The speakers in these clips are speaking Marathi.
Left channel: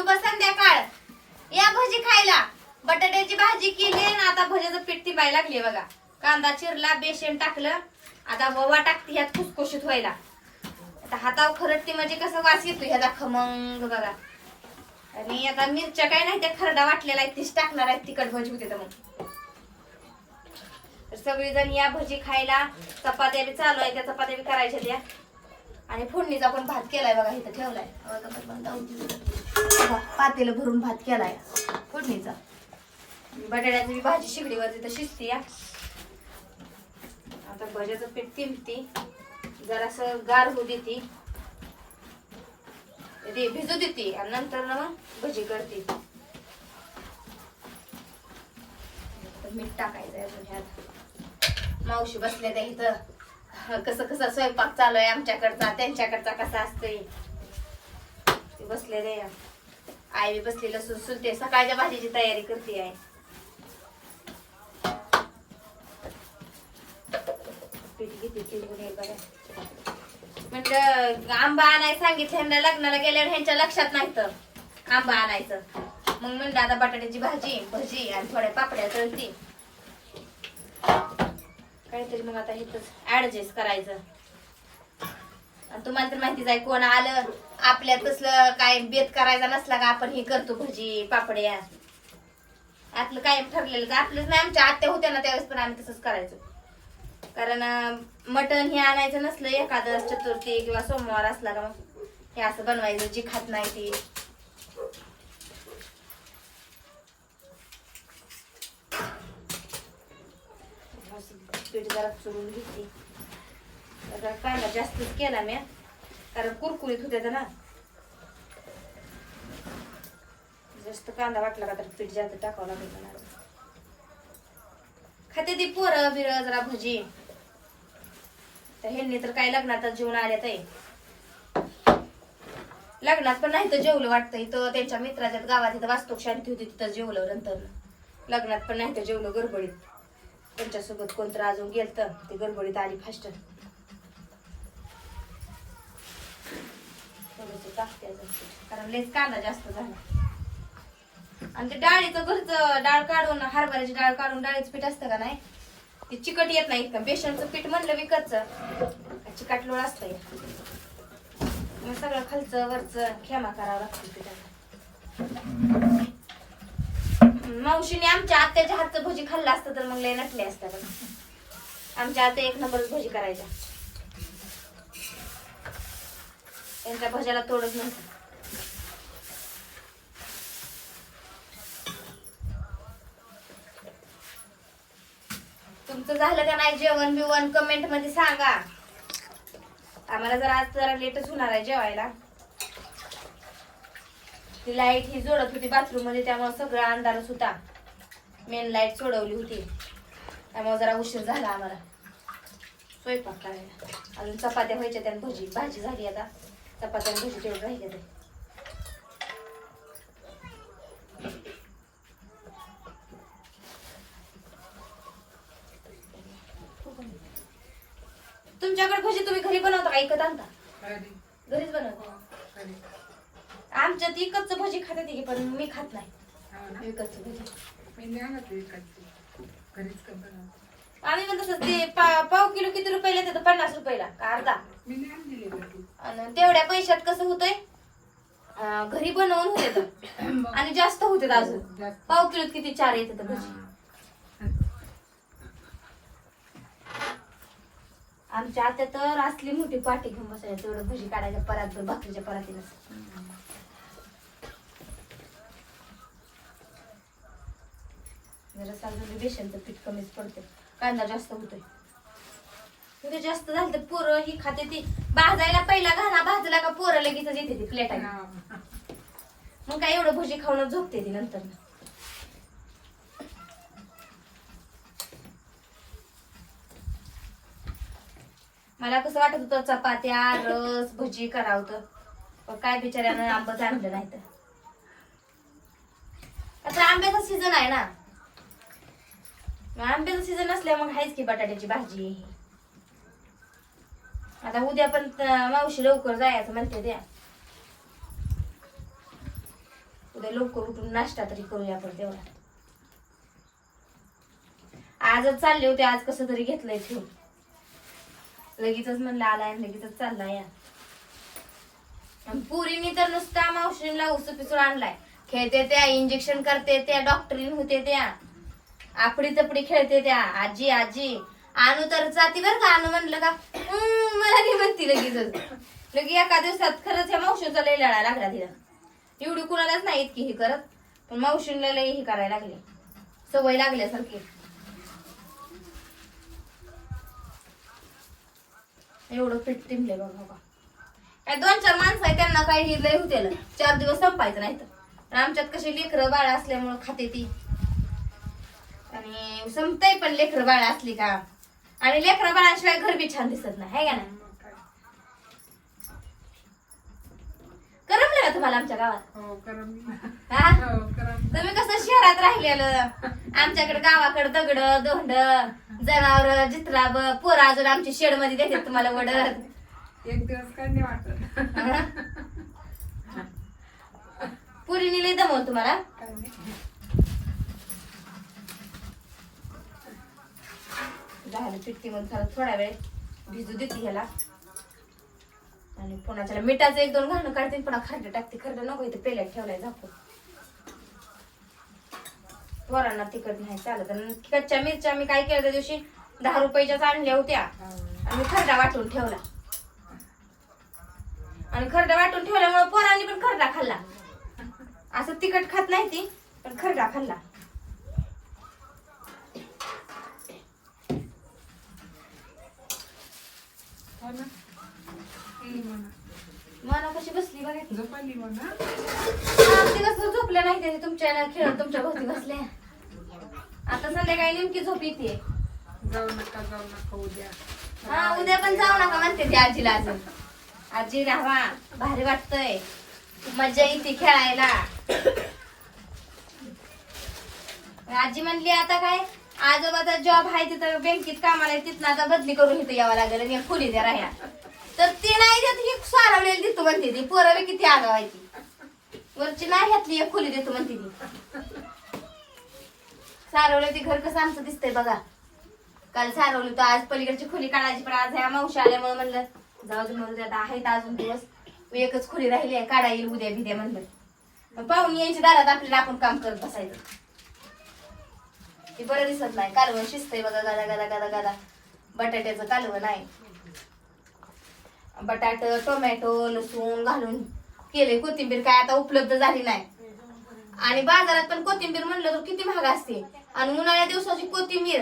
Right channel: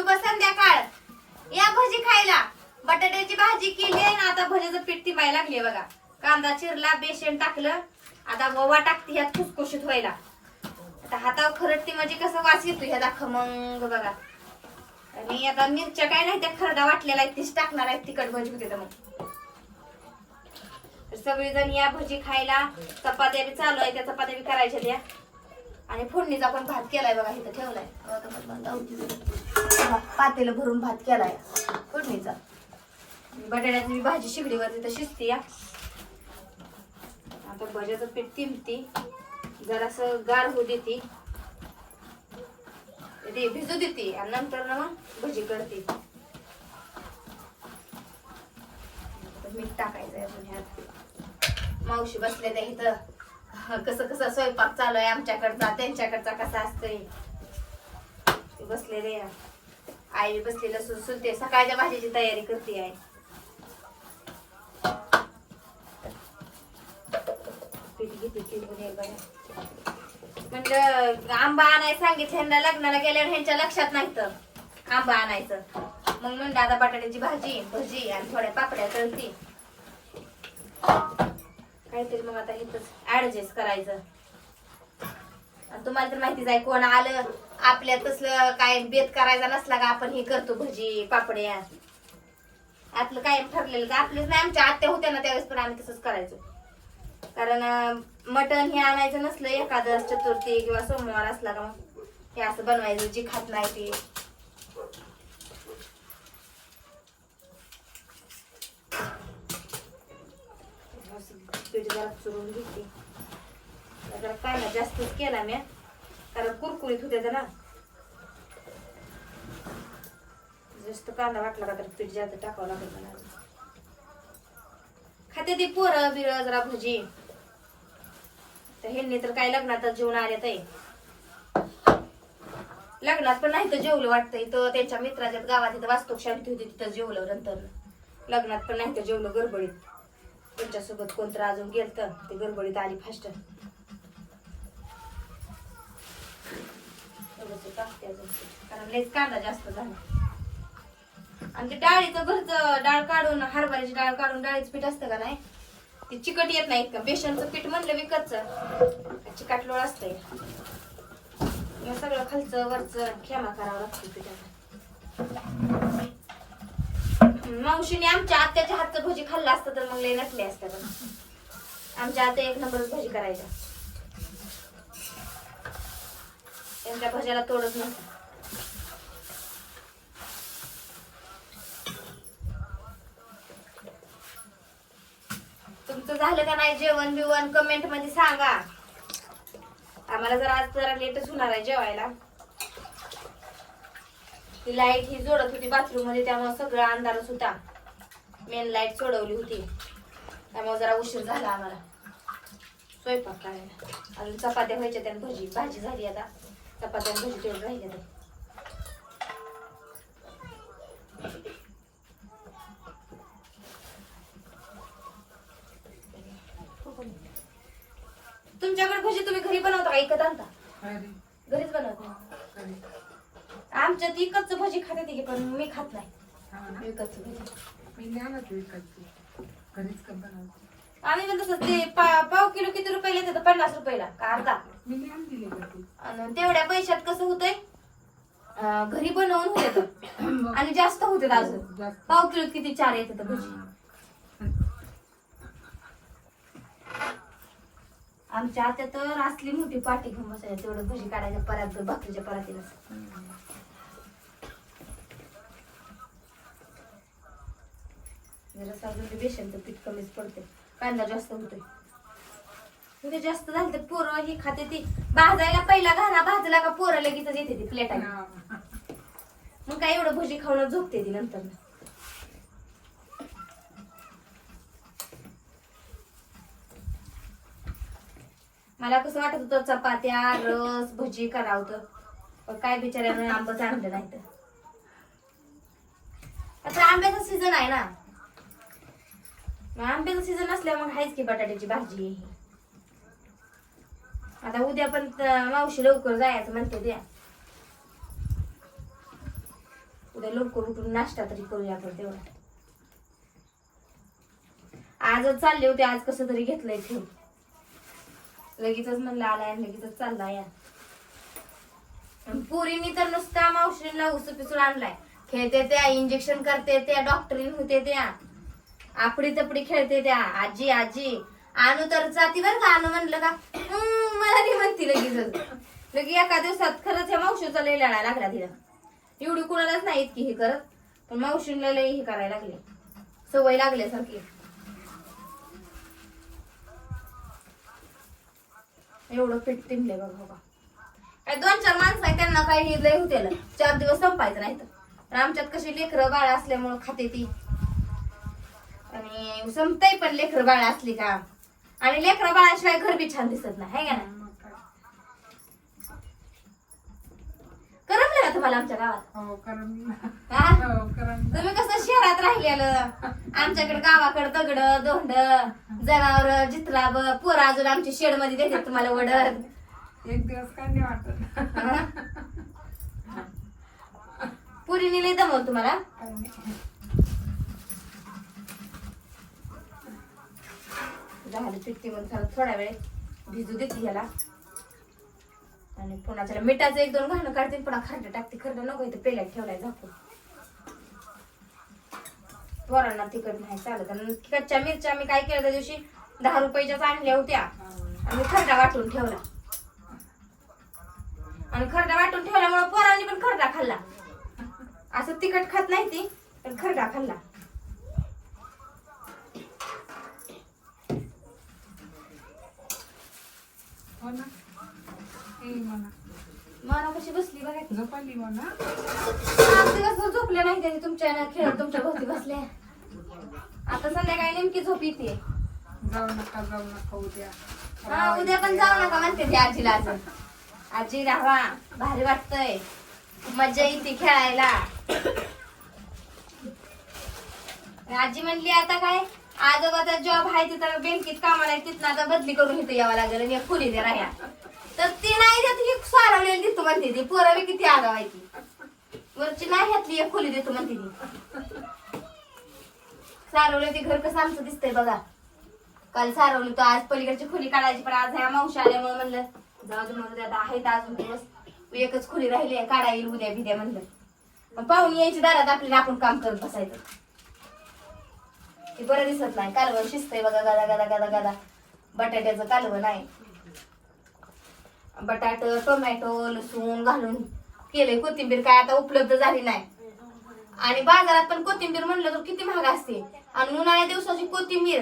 शुभ संध्याकाळ. या भजी खायला. बटाट्याची भाजी केली आणि आता भज्याचं पीठ ती लागली बघा. कांदा चिरला बेसन टाकलं. आता ववा टाकते ह्यात खुसखुशीत व्हायला. आता हातावर खरडते म्हणजे कसं वास येतो ह्याचा खमंग बघा. आणि आता मिरच्या काय नाही त्या खरडा वाटलेला आहे तीच टाकणार आहे तिखट भजी होते तर मग. सगळेजण सगळीजण या भजी खायला. चपात्या बी चालू आहे त्या चपात्या बी करायच्या त्या. आणि फोडणीचा पण भात केलाय बघा इथं ठेवलाय. हा, पातेलं भरून भात केलाय फोडणीचा. बटाट्याची बी भाजी शिगडीवर तिथं शिजते या. आता भज्याचं पीठ तिंबती जरासं गार होऊ देते. ते भिजू देते आणि नंतर ना मग भजी करते. मीठ टाकायचंय अजून ह्यात. मावशी बसल्या त्या इथं. कसं कसं स्वयंपाक चालू आहे आमच्याकडचा त्यांच्याकडचा कसा असतोय? ते बसलेले आई बसलेलं सुल सुलते. सकाळच्या भाजीची तयारी करते आहे पीठ म्हटलं आंबा आणायला सांगितलं ह्यांना लग्नाला गेल्यावर ह्यांच्या लक्षात नाही तर आंबा आणायचं. मग म्हणलं आता बटाट्याची भाजी भजी आणि थोड्या पापड्या तळती. काहीतरी मग आता इथं ऍडजस्ट करायचं. आणि तुम्हाला तर माहितीच आहे कोण आलं आपल्या तसलं काय बेत करायचा नसला का आपण हे करतो भजी पापड्या. आपलं काय ठरलेलं का आपलंच नाही आमच्या आत्या होत्या ना त्यावेळेस पण आम्ही तसंच करायचो. कारण मटण हे आणायचं नसलं एखादं चतुर्थी किंवा सोमवार असला का मग हे असं बनवायचं जी खात नाही ती असं पीठ जरा चुरून घेते. जरा कांदा जास्तच केला मी कारण कुरकुरीत होत्या ना जास्त कांदा वाटला का तर पीठ जास्त टाकावं लागेल मला खाते ती पोरं बिरं जरा भजी. तर ह्यांनी तर काय लग्नात जेवण आले आहे लग्नात पण नाही तर जेवलं वाटतं. इथं त्यांच्या मित्राच्या गावात इथं वास्तूक शांती होती तिथं जेवलं नंतर. लग्नात पण नाही तर जेवलं गडबडीत. त्यांच्यासोबत कोणतं अजून गेलत? ते गडबडीत आली फास्ट अजून कारण लेच कांदा जास्त झाला. आणि ते डाळीचं घरचं डाळ काढून हरभऱ्याची डाळ काढून डाळीचं पीठ असतं का नाही? ते चिकट येत नाही का बेसनचं पीठ म्हणलं विकतचं. चिकाटलोळ असतंय. मग सगळं खालचं वरचं खेमा करावं लागतं पिठाला. मावशीने आमच्या आत्याच्या हातचं भजी खाल्लं असतं तर मग लय नटले असतं आमच्या आत्या एक नंबर भजी करायच्या. त्यांच्या भज्याला तोडत नव्हतं. तुमचं झालं का नाही जेवण बिवण? कमेंटमध्ये सांगा. आम्हाला जरा आज जरा लेटच होणार आहे जेवायला. ती लाइट ही जोडत होती बाथरूममध्ये त्यामुळे सगळं अंधारच होता. मेन लाइट सोडवली होती. त्यामुळे जरा उशीर झाला आम्हाला. स्वयंपाक करायला. अजून चपात्या व्हायच्या त्यानं भजी भाजी झाली आता. चपात्या भजी तेवढं राहिल्या ते. तुमच्याकडे भजी तुम्ही घरी बनवता का? इकत आणता? घरीच बनवता? आमच्यात इकतच भजी खाते की पण मी खात नाही. विकतच आम्ही पण तसंच ते पा- पाव किलो किती रुपयाला येतं पन्नास रुपयाला का अर्धा? आणि तेवढ्या पैशात कसं होतंय? अं, घरी बनवून होते आणि जास्त होते अजून. पाव किलो किती? चार येतात भजी. आमच्या आत्या तर असली मोठी पाठी घेऊन बसायला तेवढं भजी काढायच्या परात भाकरीच्या परातीला. जरा साजून बेसनचं पीठ कमीच पडते कांदा जास्त होतोय. म्हणजे जास्त झालं तर पोरं ही खाते ती. भाजायला पहिला घाणा भाजला का पोरं लगेच येते ती प्लेटाने मग काय एवढं भजी खाऊन झोपते ती नंतर. मला कसं वाटत होतं चपात्या रस भजी करावं तर पण काय बिचाऱ्यानं आंबच आणलं नाही तर. आता आंब्याचा सीझन आहे ना. आंब्याचा सीझन असल्यामुळे हायच की बटाट्याची भाजी. ही. आता उद्या पण मावशी लवकर जायचं म्हणते द्या. उद्या लवकर उठून नाश्ता तरी करूया आपण तेवढा. आजच चालले होते आज कसं तरी घेतलंय ठेवून लगेचच म्हणलं आलाय लगेच चाललाय. या आणि पुरीनी तर नुसता मावशीला उसपिसून आणलाय. खेळते त्या इंजेक्शन करते त्या डॉक्टरीन होते त्या. आपडी तपडी खेळते त्या. आजी आजी. आणू तर जाती बर का? आणू म्हणलं का? मला नाही म्हणती लगेच लगे एका दिवसात खरंच ह्या मावशीचा लय लढा लागला तिला. एवढी कुणालाच नाही इतकी हे करत. पण मावशीला लय हे करायला लागले. सवय लागल्यासारखी. एवढं पीठ टिमले बघा बघा काय दोन चार माणसं आहे त्यांना काही लय होते चार दिवस संपायचं नाही तर आमच्यात कशी लेकरं बाळ असल्यामुळं खाते ती. आणि संपताय पण लेकरं बाळ असली का? आणि लेकरं बाळाशिवाय घर बी छान दिसत नाही है का काय? करमलं का तुम्हाला आमच्या गावात? हो करम हा? हो करम तुम्ही कसं शहरात राहिलेलं? आमच्याकडे गावाकडे दगड दोंड जनावर जित्राब पोर अजून आमची शेडमध्ये देतात तुम्हाला वडत. एक दिवस काय नाही वाटत. पुरीने लय दमव तुम्हाला? काय नाही. झालं पिट्टी मध्ये झालं थोडा वेळ भिजू देते ह्याला. आणि पुन्हा त्याला मिठाचं एक दोन घालणं काढते पुन्हा खरडं टाकते. खरडं नको इथं पेल्यात ठेवलाय झाकून. पोरांना तिखट नाही चालत. आणि मिरच्या मी काय केलं त्या दिवशी? दहा रुपयाच्याच आणल्या होत्या. आणि खरडा वाटून ठेवला. आणि खरडा वाटून ठेवल्यामुळे पोरांनी पण खरडा खाल्ला. असं तिखट खात नाही ती पण खरडा खाल्ला हो ना कशी बसली बघा. झोपाली म्हणा आज दिवसभर झोपल्या नाही त्याने तुमच्या खेळत तुमच्या भोवती बसल्या. आता संध्याकाळी नेमकी झोप येते. जाऊ नका जाऊ नका उद्या. हा उद्या पण जाऊ नका म्हणते ती आजीला अजून. आजी राहा भारी वाटतंय. मजा येते खेळायला. आजी म्हणली आता काय? आजोबाचा जॉब आहे तिथं बँकेत कामाला तिथं आता बदली करून इथं यावं लागेल आणि खोली द्या राह्या तर ती नाही देत ही सारवलेली देतो म्हणते ती. पोराला किती आगावायची. वरची नाही घातली एक खोली देतो म्हणते ती. सारवलं ते घर कसं आमचं दिसतंय बघा. काल सारवलं तर आज पलीकडची खोली काढायची पण आज ह्या मावशी आल्यामुळे म्हणलं जाऊ दे म्हणून आता आहेत अजून दिवस. एकच खोली राहिली आहे काढा येईल उद्या भिद्या म्हणलं. मग पाहुणे यायची दारात आपल्याला आपण काम करत बसायचं. ती बरं दिसत नाही. कालवण शिजतंय बघा गदा गदा गदा गदा. बटाट्याचं कालवण आहे. बटाट टोमॅटो लसूण घालून केले कोथिंबीर. काय आता उपलब्ध झाली नाही. आणि बाजारात पण कोथिंबीर म्हणलं तर किती महाग असते. आणि उन्हाळ्या दिवसाची कोथिंबीर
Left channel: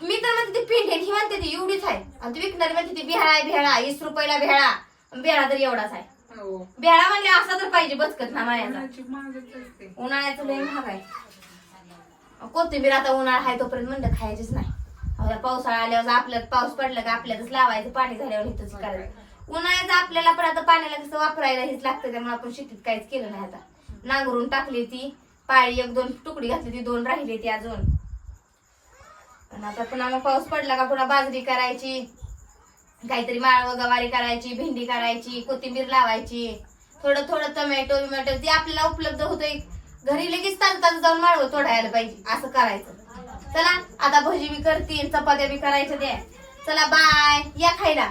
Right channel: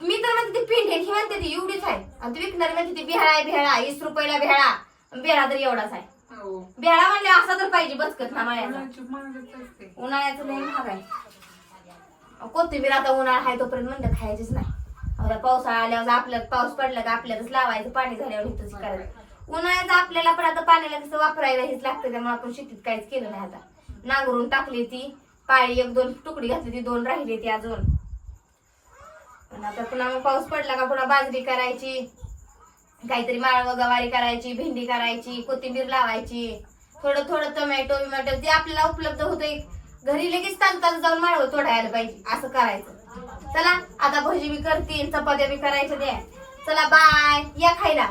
मी तर म्हणते ती पिंड ही म्हणते ती एवढीच आहे. आणि ती विकणारी म्हणते ती बिहाळा आहे बिहाळा वीस रुपयाला आणि बिहाळा तर एवढाच आहे. हो. बिहाळा म्हणले असा तर पाहिजे बचकत ना माळ्याचा असते. उन्हाळ्याचं लय महाग आहे. कोथिंबीर आता उन्हाळा आहे तोपर्यंत म्हणलं खायचीच नाही. आता पावसाळा आल्यावर आपल्याला पाऊस पडला का आपल्यालाच लावायचं पाणी झाल्यावर इथंच करायचं. उन्हाळ्यात आपल्याला पण आता पाण्याला कसं वापरायला हेच लागतं त्यामुळे आपण शेतीत काहीच केलं नाही आता. नांगरून टाकली ती पाळी एक दोन तुकडी घातली ती दोन राहिली ती अजून. पण आता पुन्हा मग पाऊस पडला का पुन्हा बाजरी करायची काहीतरी माळव गवारी करायची भेंडी करायची कोथिंबीर लावायची. थोडं थोडं टोमॅटो बिमॅटो जे आपल्याला उपलब्ध होतंय घरी लगेच ताज ताज जाऊन माळव तोडायला पाहिजे असं करायचं. चला आता भजी बी करतील चपात्या बी करायच्या द्या चला बाय. या खायला.